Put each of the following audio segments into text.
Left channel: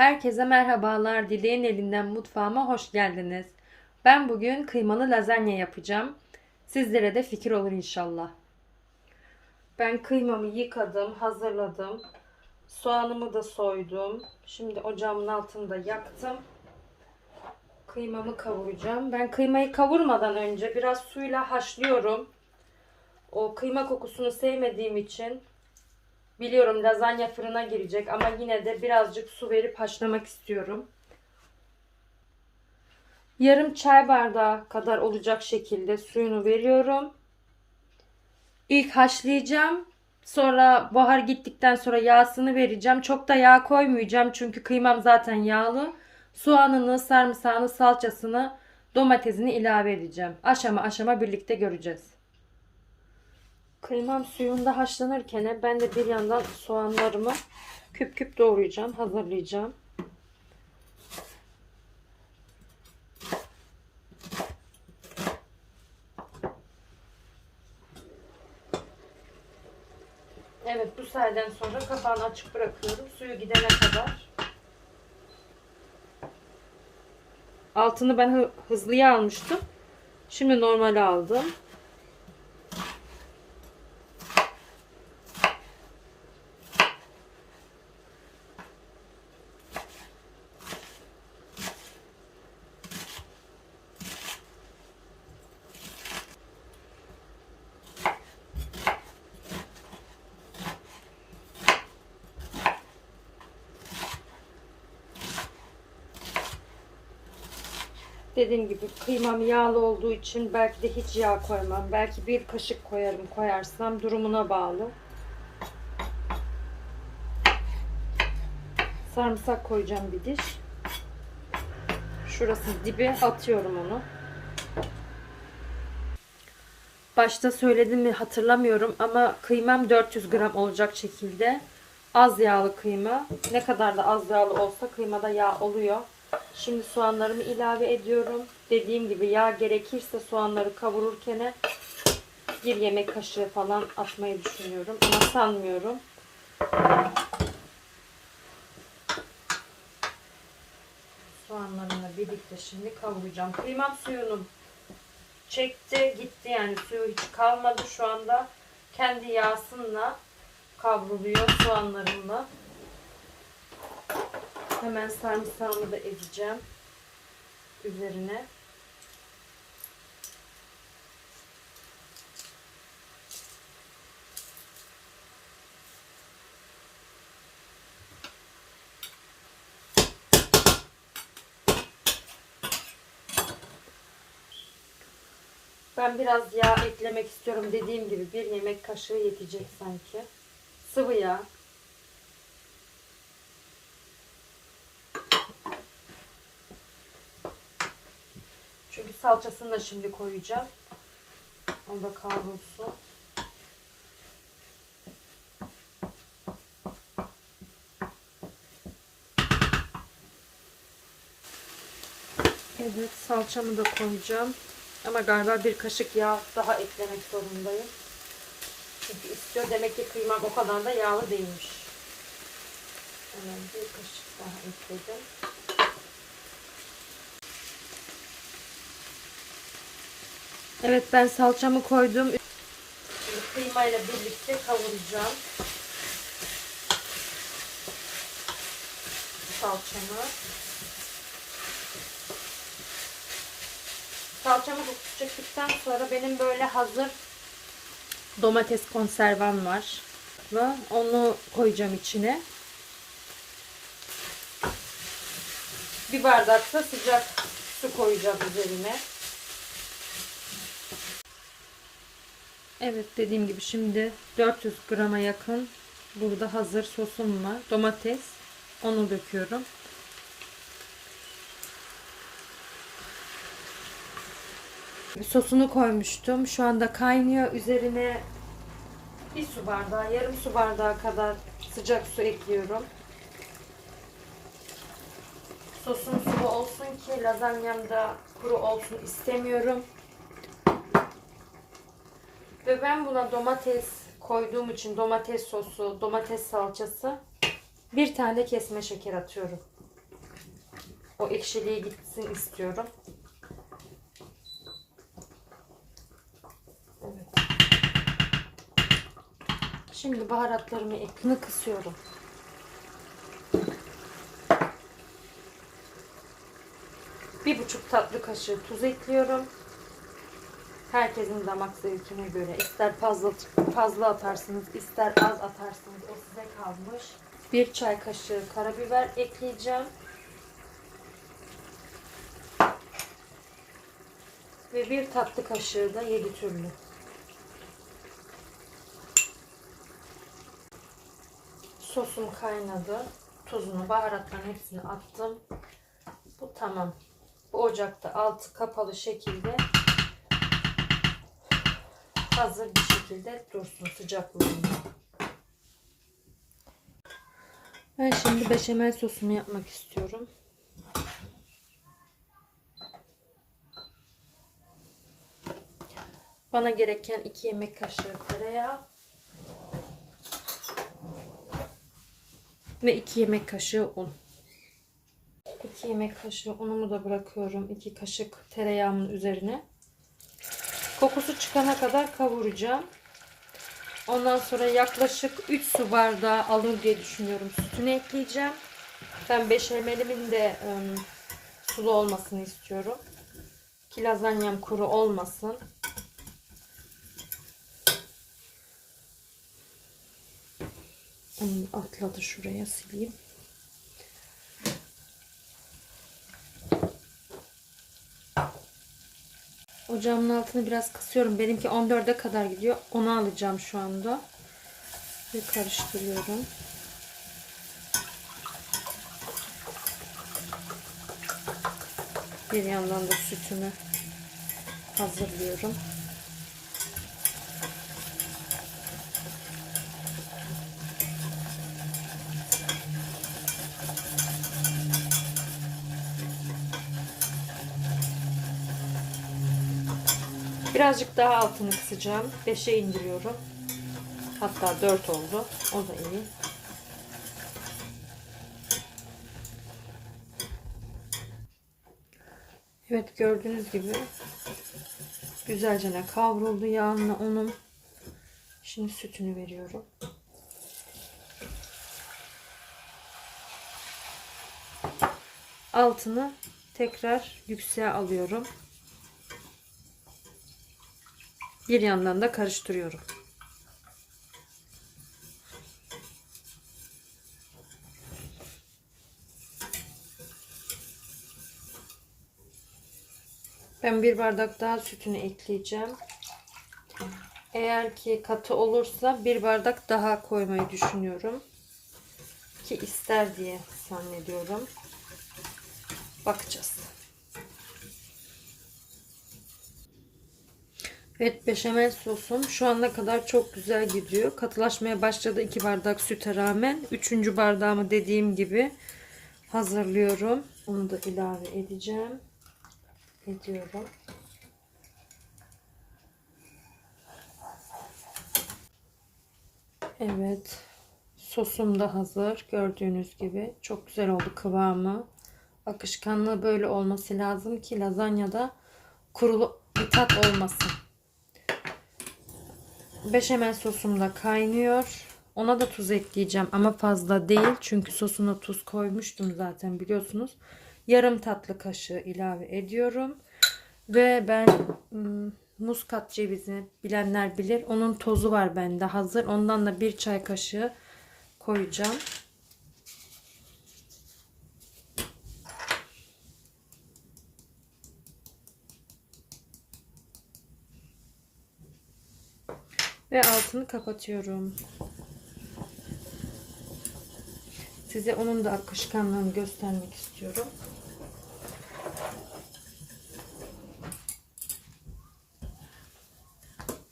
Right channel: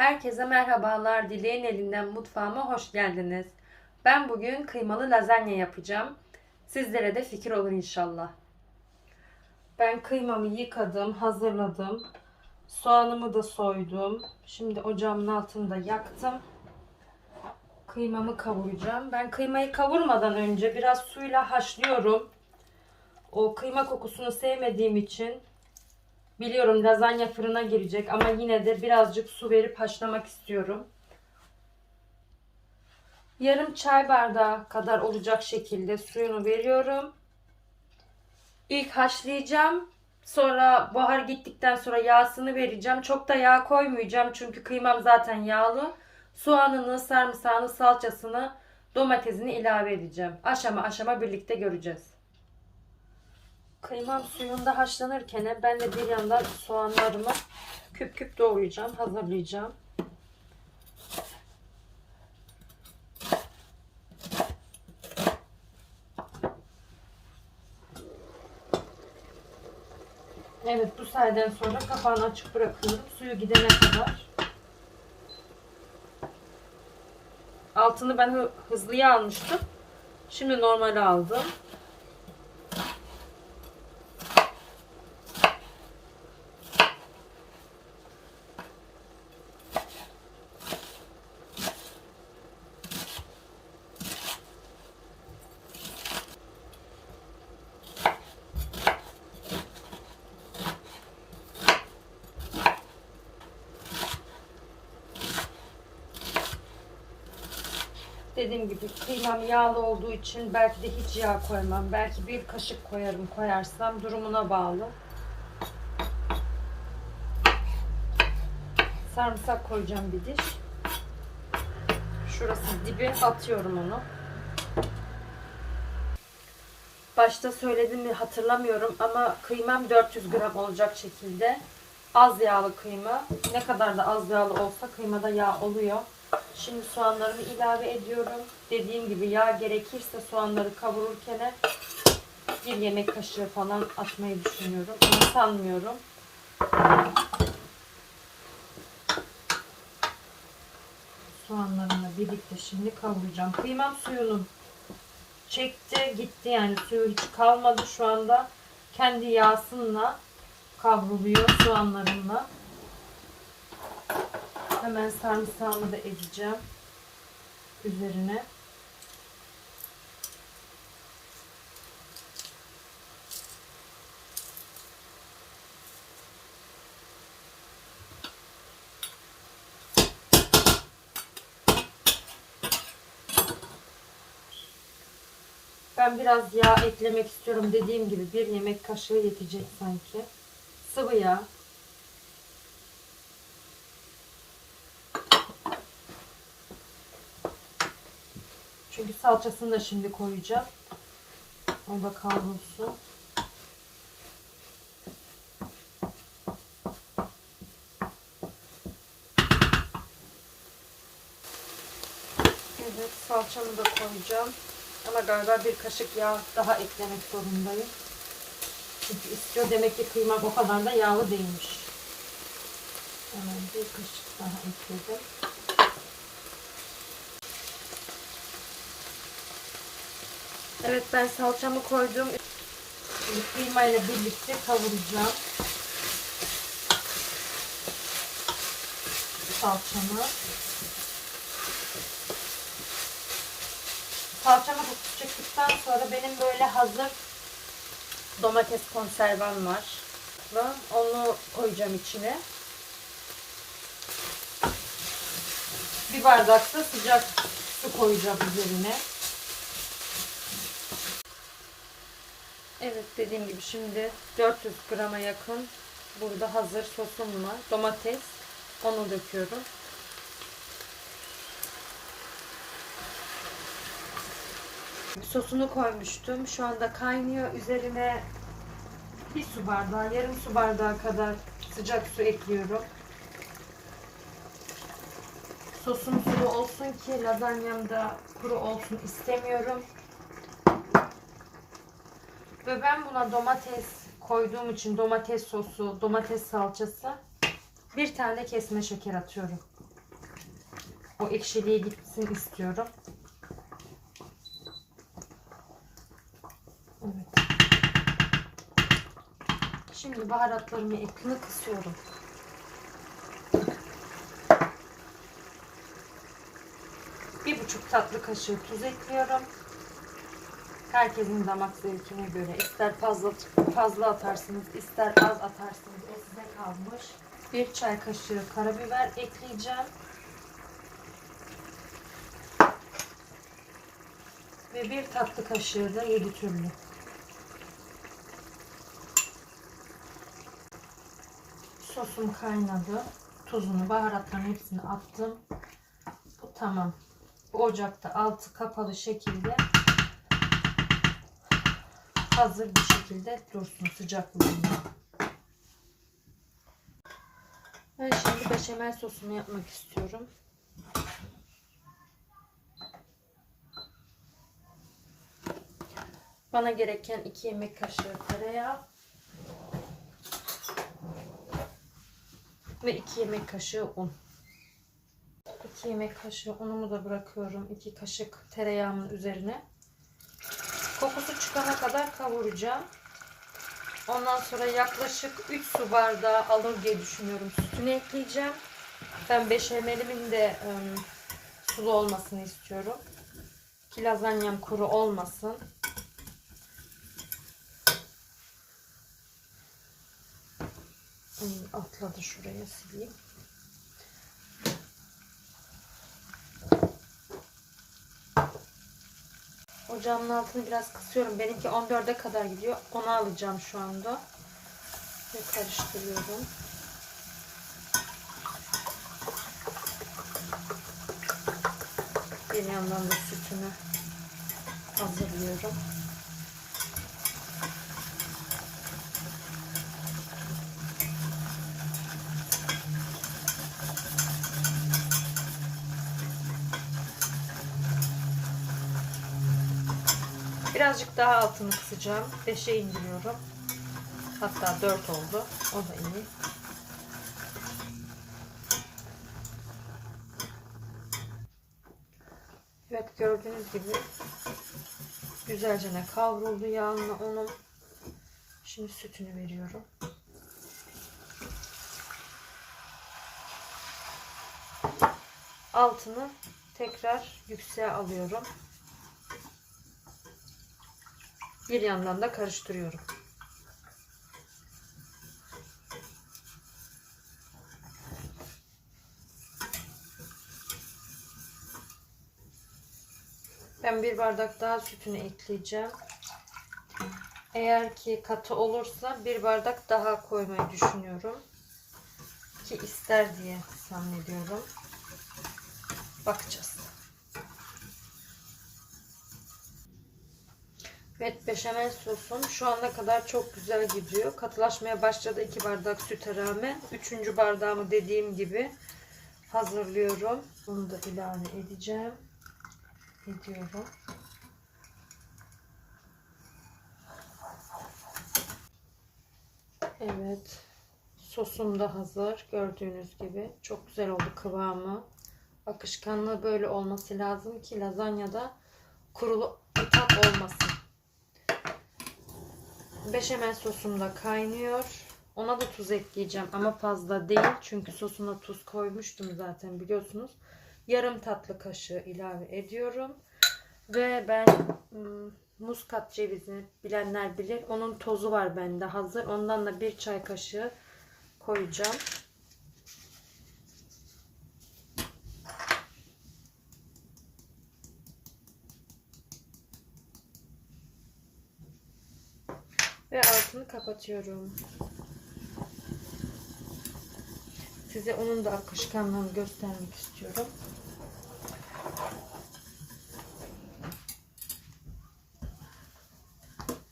Herkese merhabalar. Dileğin elinden mutfağıma hoş geldiniz. Ben bugün kıymalı lazanya yapacağım. Sizlere de fikir olur inşallah. Ben kıymamı yıkadım, hazırladım. Soğanımı da soydum. Şimdi ocağımın altını da yaktım. Kıymamı kavuracağım. Ben kıymayı kavurmadan önce biraz suyla haşlıyorum. O kıyma kokusunu sevmediğim için Biliyorum lazanya fırına girecek ama yine de birazcık su verip haşlamak istiyorum. Yarım çay bardağı kadar olacak şekilde suyunu veriyorum. İlk haşlayacağım. Sonra buhar gittikten sonra yağsını vereceğim. Çok da yağ koymayacağım çünkü kıymam zaten yağlı. Soğanını, sarımsağını, salçasını, domatesini ilave edeceğim. Aşama aşama birlikte göreceğiz. Kıymam suyunda haşlanırken ben de bir yandan soğanlarımı küp küp doğrayacağım, hazırlayacağım. Evet bu sayeden sonra kapağını açık bırakıyorum. Suyu gidene kadar. Altını ben hı- hızlıya almıştım. Şimdi normale aldım. Dediğim gibi kıymam yağlı olduğu için belki de hiç yağ koymam. Belki bir kaşık koyarım koyarsam durumuna bağlı. Sarımsak koyacağım bir diş. Şurası dibi atıyorum onu. Başta söyledim mi hatırlamıyorum ama kıymam 400 gram olacak şekilde. Az yağlı kıyma. Ne kadar da az yağlı olsa kıymada yağ oluyor. Şimdi soğanlarımı ilave ediyorum. Dediğim gibi yağ gerekirse soğanları kavururken bir yemek kaşığı falan atmayı düşünüyorum. Ama sanmıyorum. Soğanlarımla birlikte şimdi kavuracağım. Kıymam suyunu çekti gitti yani suyu hiç kalmadı şu anda. Kendi yağsınla kavruluyor soğanlarımla. Hemen sarımsağımı da edeceğim üzerine. Ben biraz yağ eklemek istiyorum. Dediğim gibi bir yemek kaşığı yetecek sanki. Sıvı yağ. Çünkü salçasını da şimdi koyacağım. O da kavrulsun. Evet salçamı da koyacağım. Ama galiba bir kaşık yağ daha eklemek zorundayım. Çünkü istiyor. Demek ki kıymam o kadar da yağlı değilmiş. Hemen bir kaşık daha ekledim. Evet ben salçamı koydum. Kıymayla birlikte kavuracağım. Salçamı. Salçamı çektikten sonra benim böyle hazır domates konservam var. Onu koyacağım içine. Bir bardak da sıcak su koyacağım üzerine. Evet dediğim gibi şimdi 400 grama yakın burada hazır sosum var. Domates. Onu döküyorum. Sosunu koymuştum. Şu anda kaynıyor. Üzerine bir su bardağı, yarım su bardağı kadar sıcak su ekliyorum. Sosum sulu olsun ki lazanyam da kuru olsun istemiyorum. Ve ben buna domates koyduğum için domates sosu, domates salçası bir tane kesme şeker atıyorum. O ekşiliği gitsin istiyorum. Evet. Şimdi baharatlarımı ekini kısıyorum. Bir buçuk tatlı kaşığı tuz ekliyorum. Herkesin damak zevkine göre ister fazla fazla atarsınız, ister az atarsınız. O size kalmış. Bir çay kaşığı karabiber ekleyeceğim. Ve bir tatlı kaşığı da yedi türlü. Sosum kaynadı. Tuzunu, baharatların hepsini attım. Bu tamam. Bu ocakta altı kapalı şekilde hazır bir şekilde dursun sıcaklığında. Ben şimdi beşamel sosumu yapmak istiyorum. Bana gereken 2 yemek kaşığı tereyağı ve 2 yemek kaşığı un. 2 yemek kaşığı unumu da bırakıyorum. 2 kaşık tereyağımın üzerine. Kokusu çıkana kadar kavuracağım. Ondan sonra yaklaşık 3 su bardağı alır diye düşünüyorum. Sütünü ekleyeceğim. Ben beşamelimin de ım, sulu olmasını istiyorum. Ki lazanyam kuru olmasın. Atladı şuraya sileyim. Ocağımın altını biraz kısıyorum. Benimki 14'e kadar gidiyor. Onu alacağım şu anda. Ve karıştırıyorum. Bir yandan da sütümü hazırlıyorum. Birazcık daha altını kısacağım. 5'e indiriyorum. Hatta 4 oldu. O da iyi. Evet gördüğünüz gibi güzelce ne kavruldu yağınla unum. Şimdi sütünü veriyorum. Altını tekrar yükseğe alıyorum. Bir yandan da karıştırıyorum. Ben bir bardak daha sütünü ekleyeceğim. Eğer ki katı olursa bir bardak daha koymayı düşünüyorum. Ki ister diye zannediyorum. Bakacağız. Evet beşamel sosum şu ana kadar çok güzel gidiyor. Katılaşmaya başladı 2 bardak süte rağmen. 3. bardağımı dediğim gibi hazırlıyorum. Onu da ilave edeceğim. Ediyorum. Evet. Sosum da hazır. Gördüğünüz gibi. Çok güzel oldu kıvamı. Akışkanlığı böyle olması lazım ki lazanyada kurulu bir tat olmasın. Beşamel sosum da kaynıyor. Ona da tuz ekleyeceğim ama fazla değil. Çünkü sosuna tuz koymuştum zaten biliyorsunuz. Yarım tatlı kaşığı ilave ediyorum. Ve ben muskat cevizi bilenler bilir. Onun tozu var bende hazır. Ondan da bir çay kaşığı koyacağım. Ve altını kapatıyorum. Size onun da akışkanlığını göstermek istiyorum.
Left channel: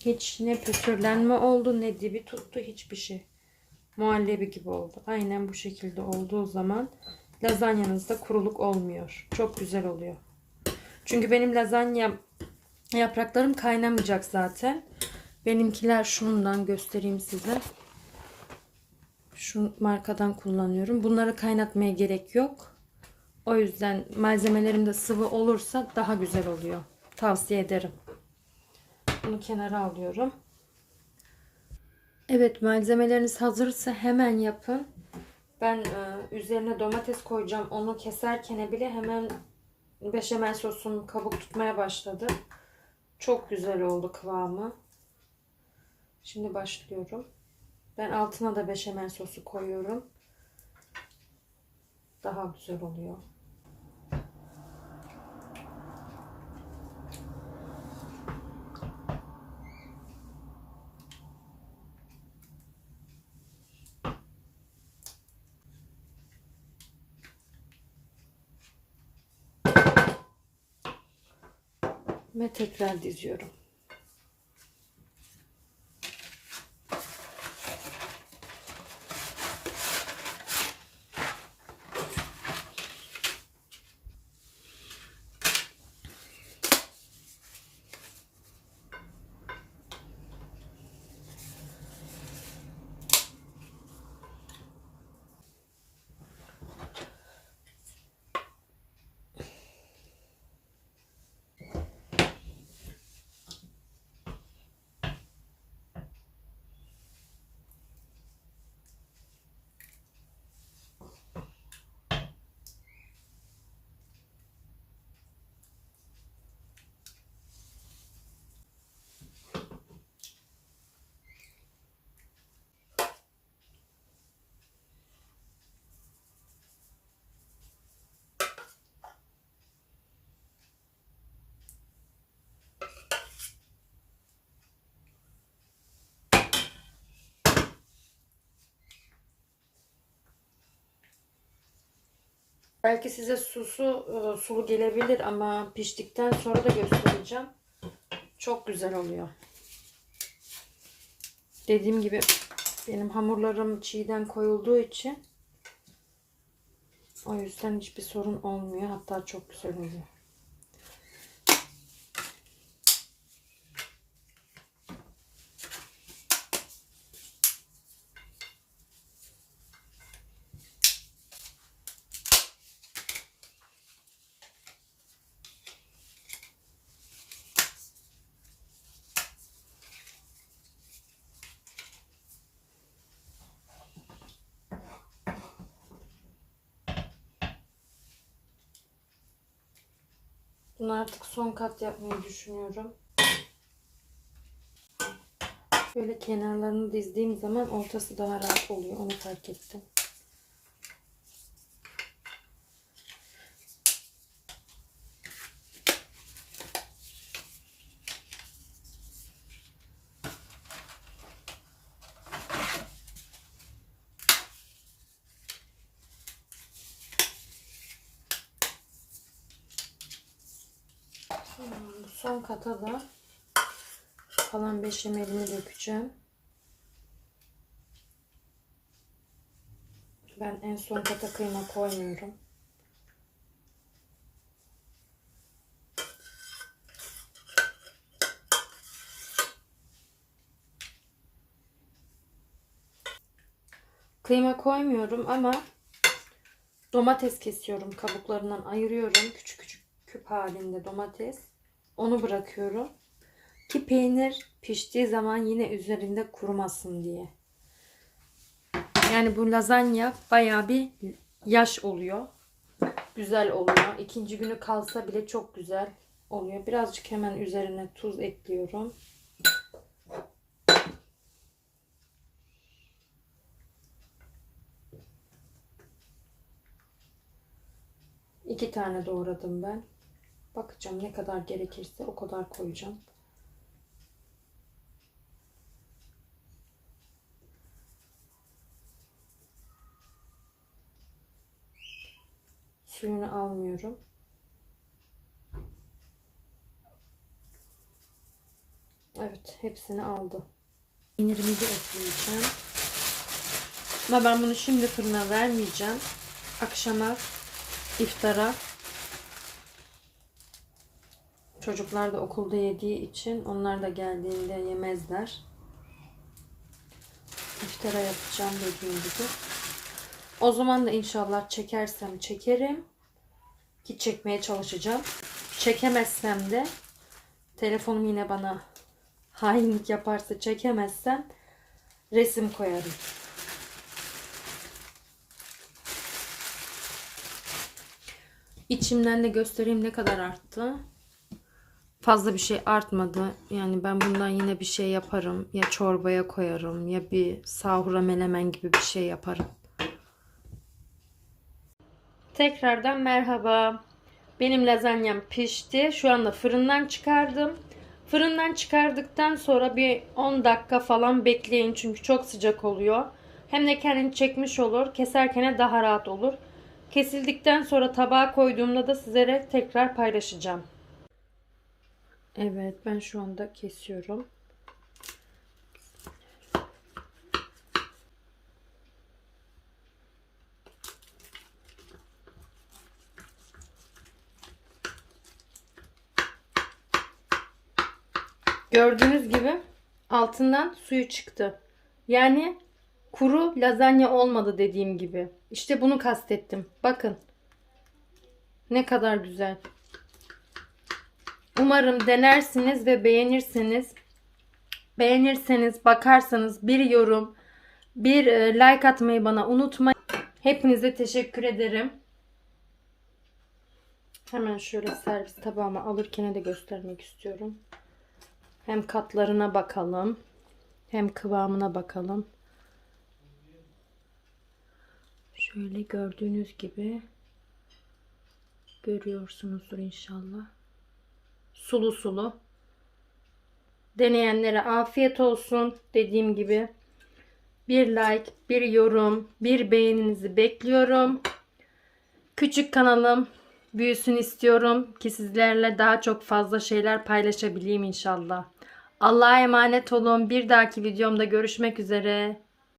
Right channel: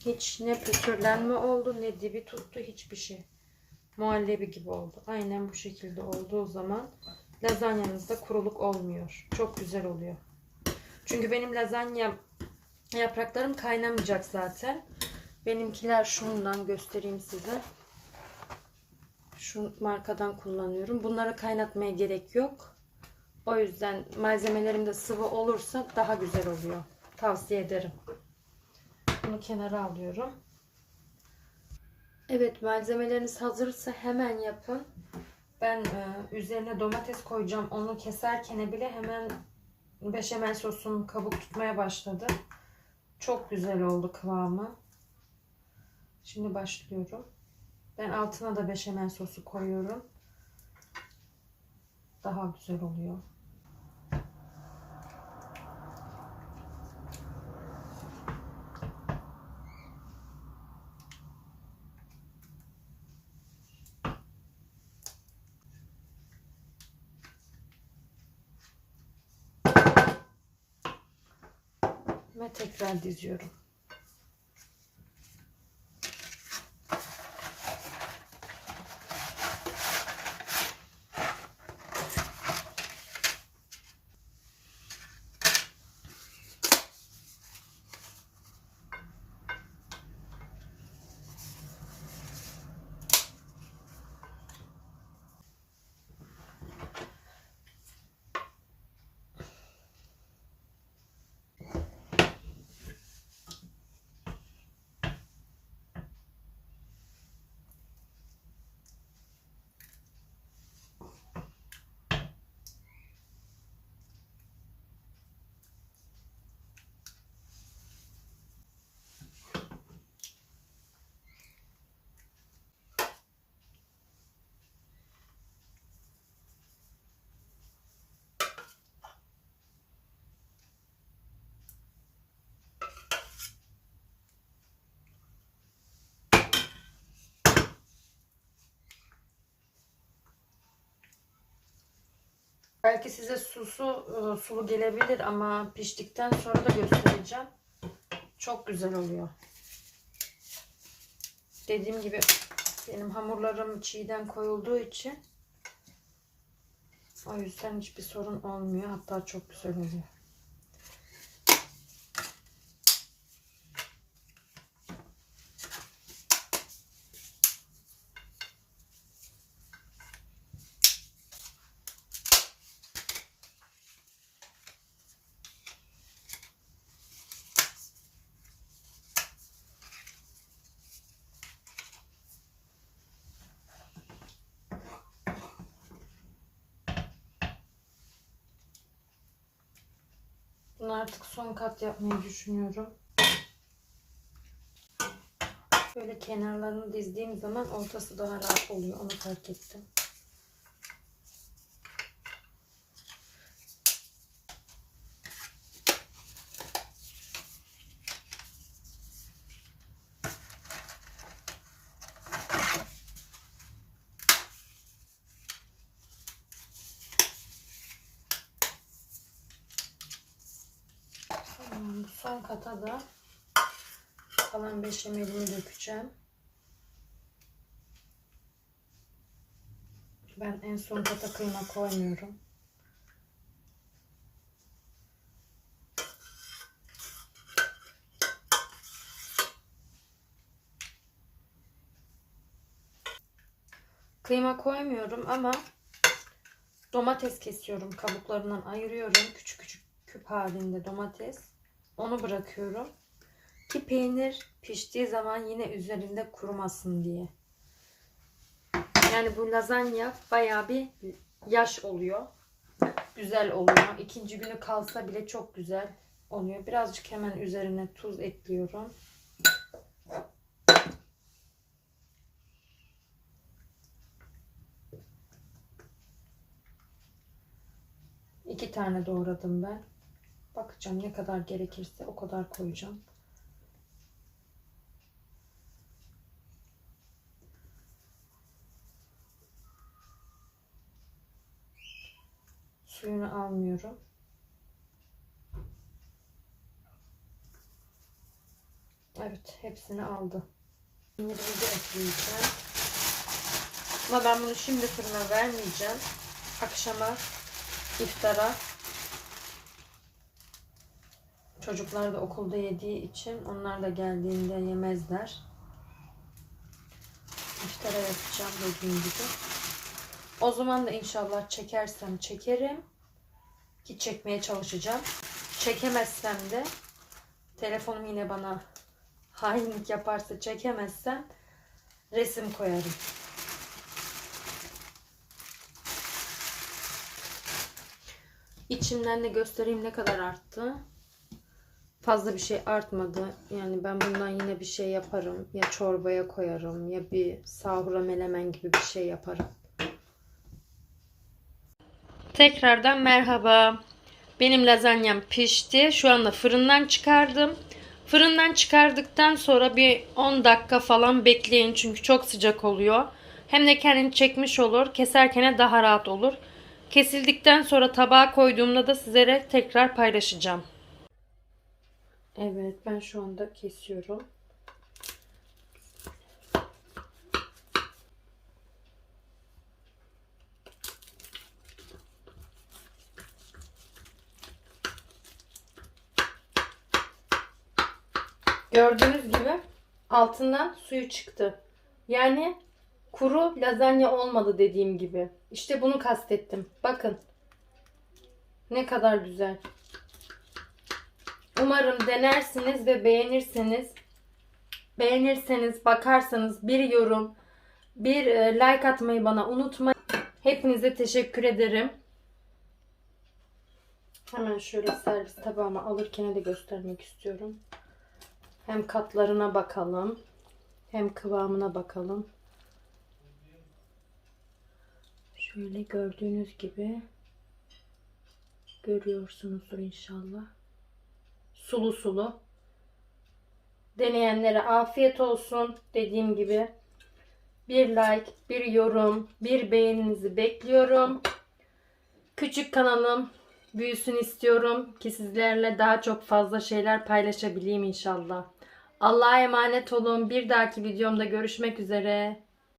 Hiç ne pütürlenme oldu ne dibi tuttu hiçbir şey. Muhallebi gibi oldu. Aynen bu şekilde olduğu zaman lazanyanızda kuruluk olmuyor. Çok güzel oluyor. Çünkü benim lazanya yapraklarım kaynamayacak zaten. Benimkiler şundan göstereyim size. Şu markadan kullanıyorum. Bunları kaynatmaya gerek yok. O yüzden malzemelerimde sıvı olursa daha güzel oluyor. Tavsiye ederim. Bunu kenara alıyorum. Evet malzemeleriniz hazırsa hemen yapın. Ben e, üzerine domates koyacağım. Onu keserken bile hemen beşamel sosum kabuk tutmaya başladı. Çok güzel oldu kıvamı. Şimdi başlıyorum. Ben altına da beşamel sosu koyuyorum. Daha güzel oluyor. Ve tekrar diziyorum. Belki size susu e, sulu gelebilir ama piştikten sonra da göstereceğim. Çok güzel oluyor. Dediğim gibi benim hamurlarım çiğden koyulduğu için o yüzden hiçbir sorun olmuyor. Hatta çok güzel oluyor. Bunu artık son kat yapmayı düşünüyorum. Böyle kenarlarını dizdiğim zaman ortası daha rahat oluyor. Onu fark ettim. Tamam, bu son kata da beşamelini dökeceğim. Ben en son kata kıyma koymuyorum. Kıyma koymuyorum ama domates kesiyorum. Kabuklarından ayırıyorum. Küçük küçük küp halinde domates. Onu bırakıyorum. Ki peynir piştiği zaman yine üzerinde kurumasın diye. Yani bu lazanya baya bir yaş oluyor. Güzel oluyor. İkinci günü kalsa bile çok güzel oluyor. Birazcık hemen üzerine tuz ekliyorum. İki tane doğradım ben. Bakacağım ne kadar gerekirse o kadar koyacağım. Suyunu almıyorum. Evet, hepsini aldı. Peynirimi de ekleyeceğim. Ama ben bunu şimdi fırına vermeyeceğim. Akşama iftara Çocuklar da okulda yediği için onlar da geldiğinde yemezler. İftara yapacağım dediğim gibi. O zaman da inşallah çekersem çekerim. Ki çekmeye çalışacağım. Çekemezsem de telefonum yine bana hainlik yaparsa çekemezsem resim koyarım. İçimden de göstereyim ne kadar arttı. Fazla bir şey artmadı. Yani ben bundan yine bir şey yaparım. Ya çorbaya koyarım ya bir sahura melemen gibi bir şey yaparım. Tekrardan merhaba. Benim lazanyam pişti. Şu anda fırından çıkardım. Fırından çıkardıktan sonra bir 10 dakika falan bekleyin çünkü çok sıcak oluyor. Hem de kendini çekmiş olur. Keserken daha rahat olur. Kesildikten sonra tabağa koyduğumda da sizlere tekrar paylaşacağım. Evet ben şu anda kesiyorum. Gördüğünüz gibi altından suyu çıktı. Yani kuru lazanya olmadı dediğim gibi. İşte bunu kastettim. Bakın. Ne kadar güzel. Umarım denersiniz ve beğenirseniz beğenirseniz bakarsanız bir yorum bir e, like atmayı bana unutmayın. Hepinize teşekkür ederim. Hemen şöyle servis tabağıma alırken de göstermek istiyorum. Hem katlarına bakalım. Hem kıvamına bakalım. Şöyle gördüğünüz gibi görüyorsunuzdur inşallah. Sulu sulu. Deneyenlere afiyet olsun. Dediğim gibi bir like, bir yorum, bir beğeninizi bekliyorum. Küçük kanalım büyüsün istiyorum ki sizlerle daha çok fazla şeyler paylaşabileyim inşallah. Allah'a emanet olun. Bir dahaki videomda görüşmek üzere.